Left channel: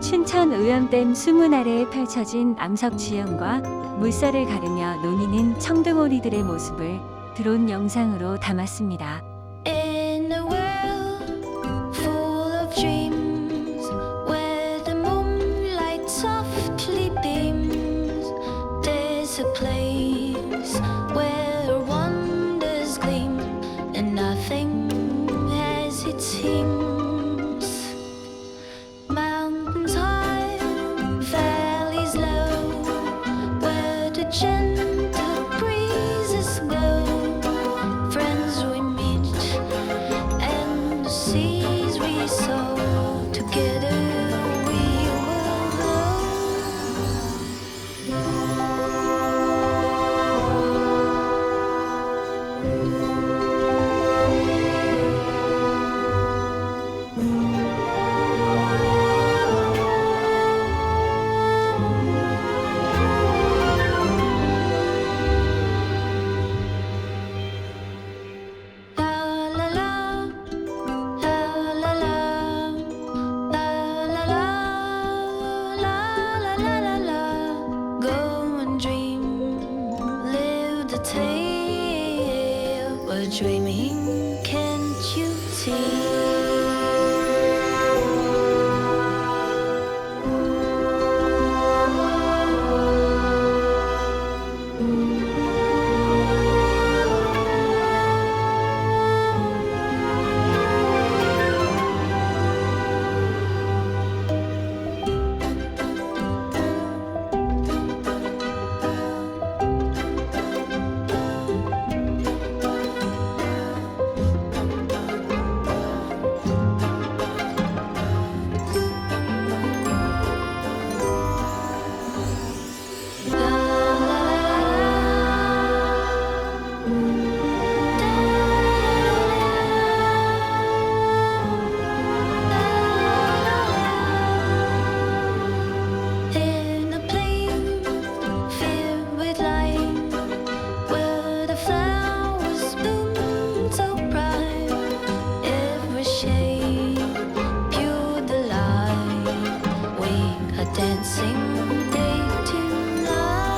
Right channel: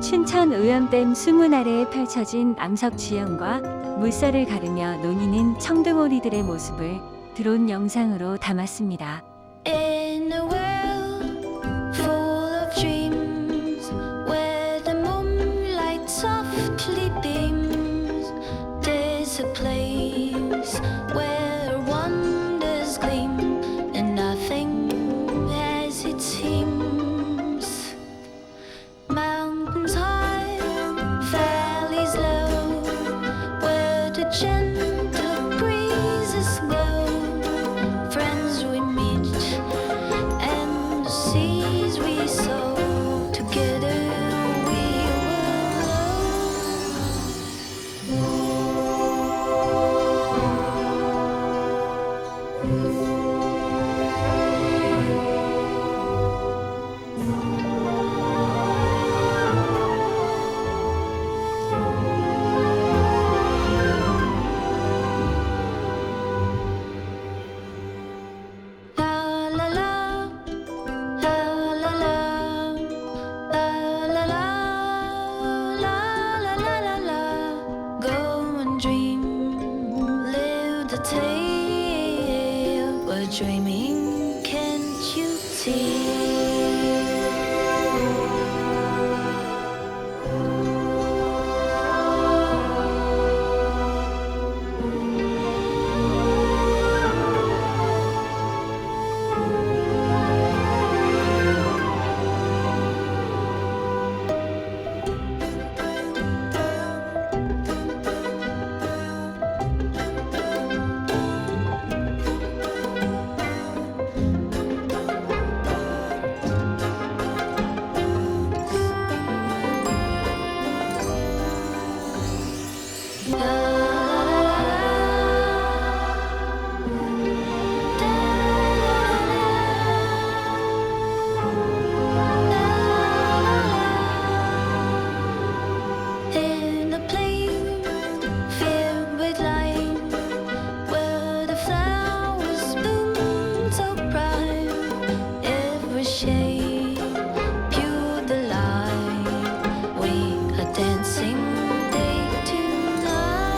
춘천 의원댐 수문 아래에 펼쳐진 암석지형과 물살을 가르며 논이는 청둥오리들의 모습을 드론 영상으로 담았습니다. In a world full of dreams, where the moonlight softly beams, there's a place where wonders gleam, and nothing as it seems. Mountains high, valleys low, where the gentle breezes blow. Friends we meet and the seas we sow. Together we will La la la, la la la, la la la, la la la la. Go and dream, live the tale. We're dreaming, can't you see? In a place filled with light, where the flowers bloom so bright, every shade pure delight. We are dancing day to night.